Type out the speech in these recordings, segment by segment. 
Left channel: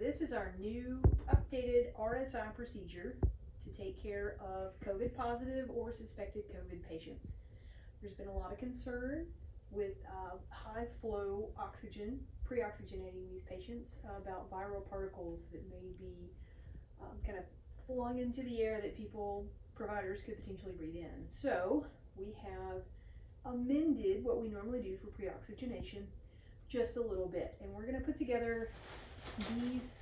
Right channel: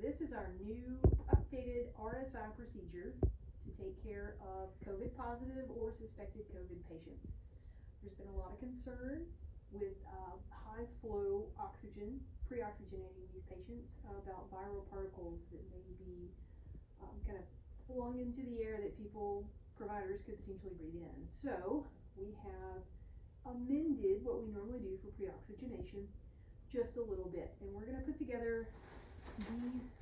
this is our new updated RSI procedure to take care of COVID positive or suspected COVID patients. There's been a lot of concern with high flow oxygen, pre-oxygenating these patients about viral particles that may be kind of flung into the air that providers could potentially breathe in. So we have amended what we normally do for pre-oxygenation just a little bit, and we're going to put together these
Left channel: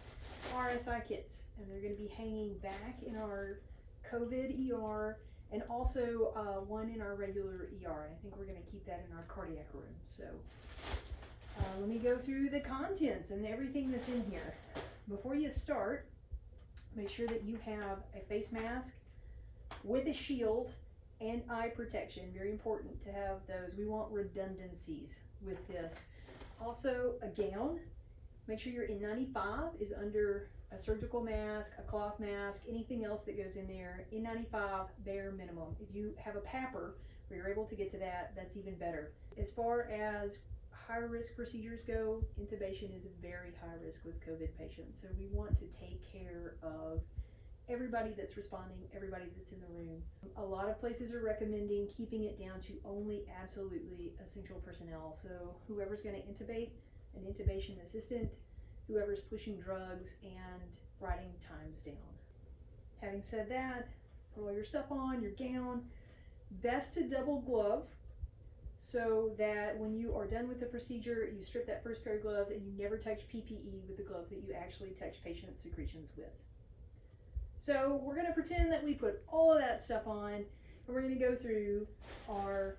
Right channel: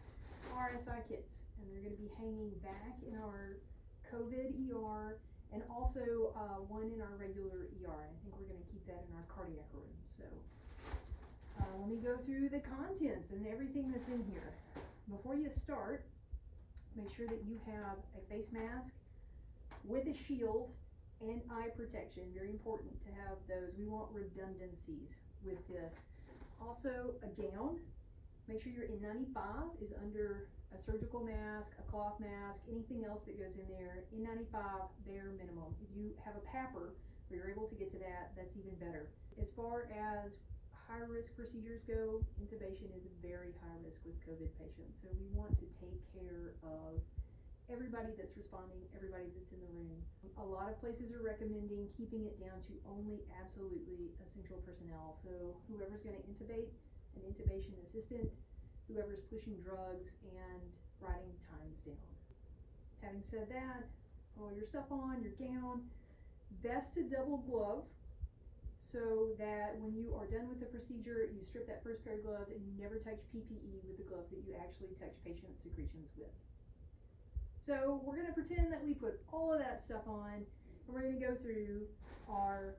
RSI kits, and they're going to be hanging back in our COVID ER and also one in our regular ER. I think we're going to keep that in our cardiac room. So let me go through the contents and everything that's in here. Before you start, make sure that you have a face mask with a shield and eye protection. Very important to have those. We want redundancies with this. Also a gown. Make sure your N95 is under a surgical mask, a cloth mask, anything else that goes in there. N95 bare minimum. If you have a PAPR where you're able to get to that, that's even better. As far as high risk procedures go, intubation is very high risk with COVID patients. So we want to take care of everybody that's responding, everybody that's in the room. A lot of places are recommending keeping it down to only absolutely essential personnel. So whoever's going to intubate, an intubation assistant, whoever's pushing drugs and writing times down. Having said that, put all your stuff on, your gown, vested double glove, so that when you are done with the procedure, you strip that first pair of gloves and you never touch PPE with the gloves that you actually touch patient secretions with. So we're going to pretend that we put all of that stuff on, and we're going to go through our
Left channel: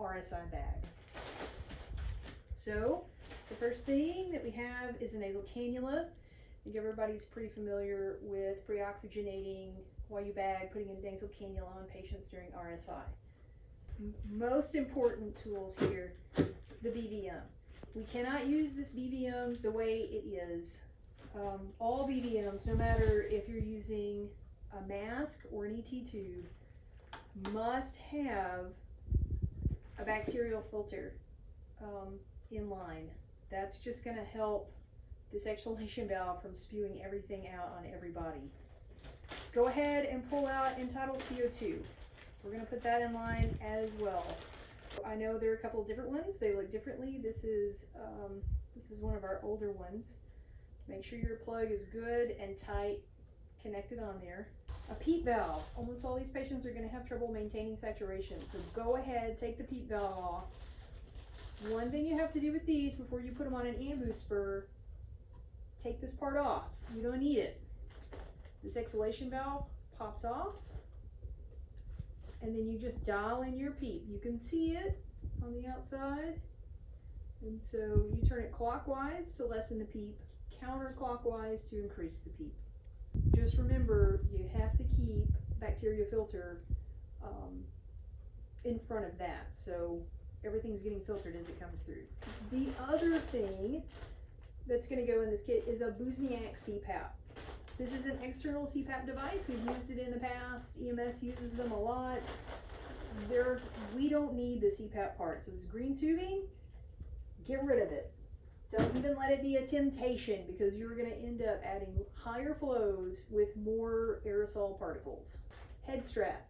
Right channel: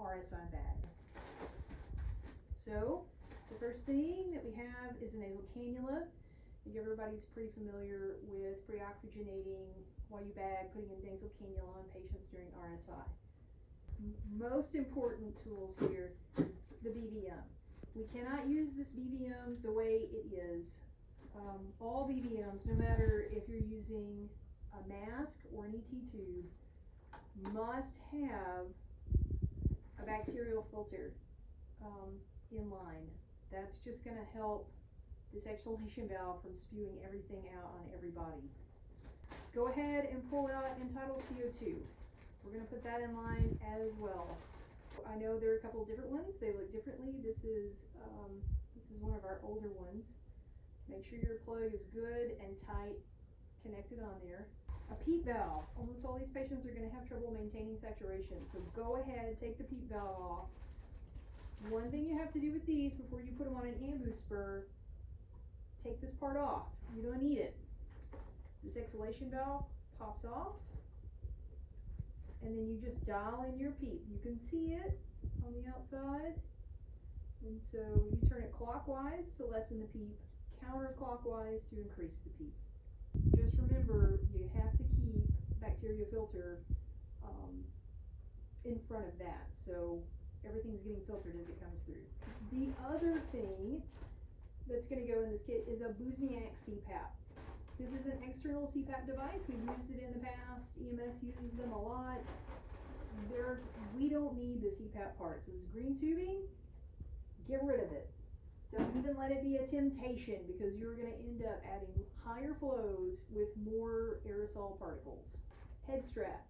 RSI bag. So the first thing that we have is a nasal cannula. I think everybody's pretty familiar with pre-oxygenating while you bag, putting a nasal cannula on patients during RSI. Most important tools here, the BVM. We cannot use this BVM the way it is. All BVMs, no matter if you're using a mask or an ET tube, must have a bacterial filter in line. That's just going to help this exhalation valve from spewing everything out on everybody. Go ahead and pull out entitled CO2. We're going to put that in line as well. I know there are a couple of different ones. They look differently. This is one of our older ones. Make sure your plug is good and tight, connected on there. A PEEP valve. Almost all these patients are going to have trouble maintaining saturation, so go ahead, take the PEEP valve off. One thing you have to do with these before you put them on an ambu spur, take this part off. You don't need it. This exhalation valve pops off, and then you just dial in your PEEP. You can see it on the outside, and so you turn it clockwise to lessen the PEEP, counterclockwise to increase the PEEP. Just remember, you have to keep bacteria filter in front of that, so everything's getting filtered as it comes through. The other thing that's going to go in this kit is a Buzniak CPAP. This is an external CPAP device. We've used it in the past. EMS uses them a lot. We don't need the CPAP part. So this green tubing, get rid of it. Don't even let it be a temptation, because you're going to end up adding higher flows with more aerosol particles. Head strap.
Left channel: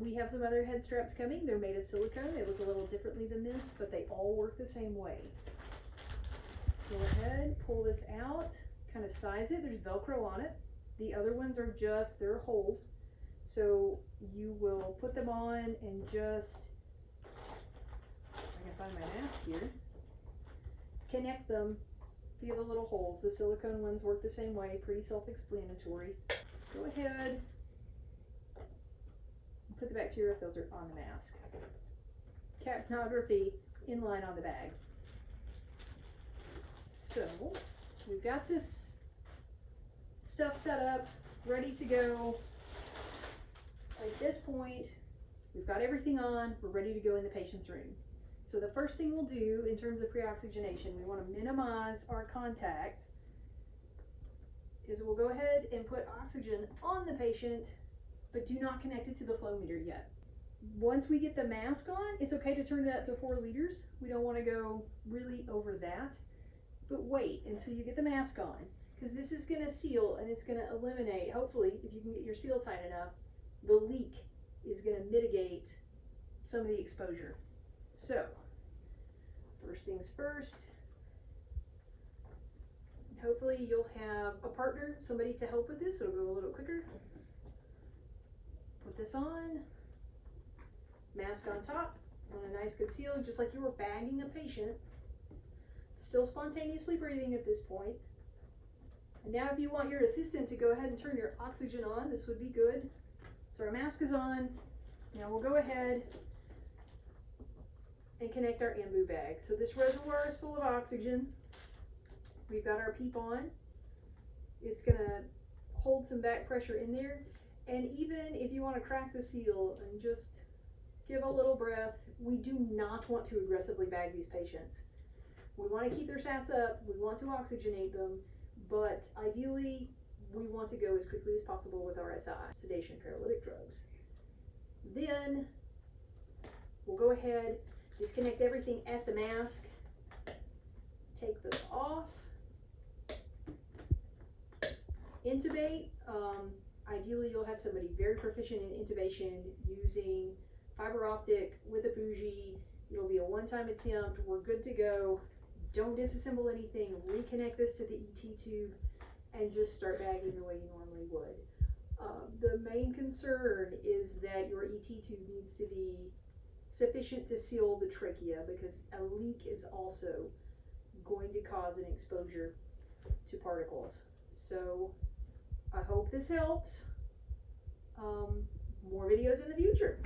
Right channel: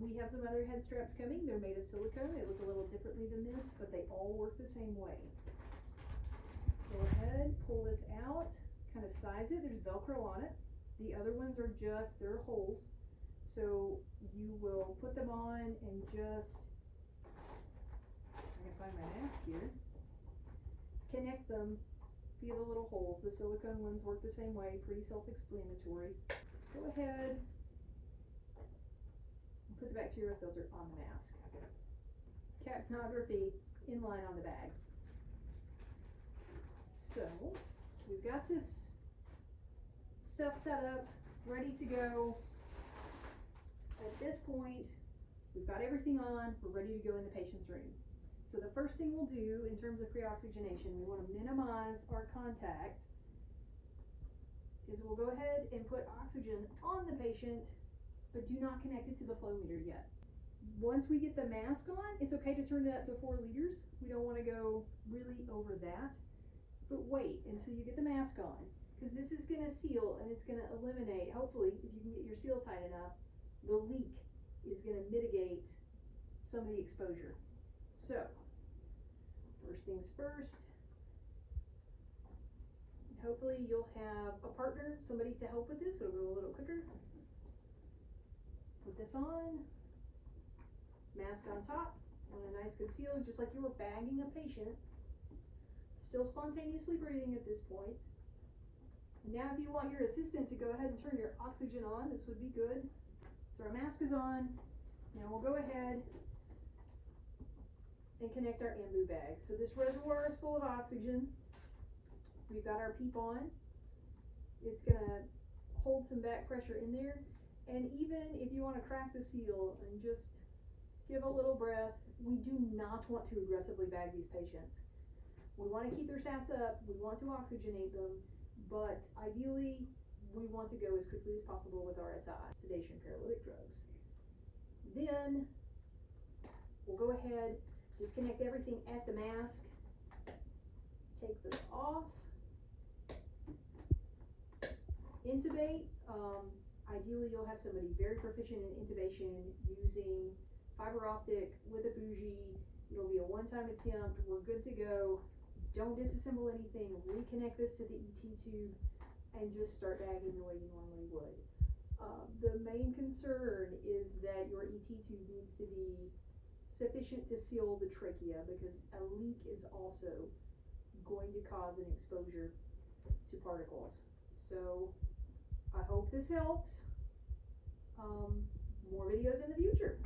We have some other head straps coming. They're made of silicone. They look a little differently than this, but they all work the same way. Go ahead, pull this out, kind of size it. There's Velcro on it. The other ones are just, they're holes. So you will put them on and just, I can find my mask here, connect them via the little holes. The silicone ones work the same way, pretty self-explanatory. Go ahead, put the bacterial filter on the mask. Capnography in line on the bag. So we've got this stuff set up, ready to go. At this point, we've got everything on, we're ready to go in the patient's room. So the first thing we'll do in terms of pre-oxygenation, we want to minimize our contact, is we'll go ahead and put oxygen on the patient, but do not connect it to the flow meter yet. Once we get the mask on, it's okay to turn it up to 4 liters. We don't want to go really over that. but wait until you get the mask on, because this is going to seal and it's going to eliminate, hopefully, if you can get your seal tight enough, the leak is going to mitigate some of the exposure. So, first things first, hopefully you'll have a partner, somebody to help with this. It'll go a little quicker. Put this on, mask on top, on a nice good seal, just like you were bagging a patient. Still spontaneously breathing at this point. And now if you want your assistant to go ahead and turn your oxygen on, this would be good. So our mask is on. Now we'll go ahead and connect our ambu bag. So this reservoir is full of oxygen. We've got our PEEP on. It's gonna hold some back pressure in there. And even if you want to crack the seal and just give a little breath, we do not want to aggressively bag these patients. We want to keep their sats up, we want to oxygenate them, but ideally we want to go as quickly as possible with RSI, sedation, paralytic drugs. Then we'll go ahead, disconnect everything at the mask, take this off, intubate. Ideally you'll have somebody very proficient in intubation using fiber optic with a bougie. It'll be a one-time attempt. We're good to go. Don't disassemble anything. Reconnect this to the ET tube and just start bagging the way you normally would. The main concern is that your ET tube needs to be sufficient to seal the trachea, because a leak is also going to cause an exposure to particles. So I hope this helps. More videos in the future.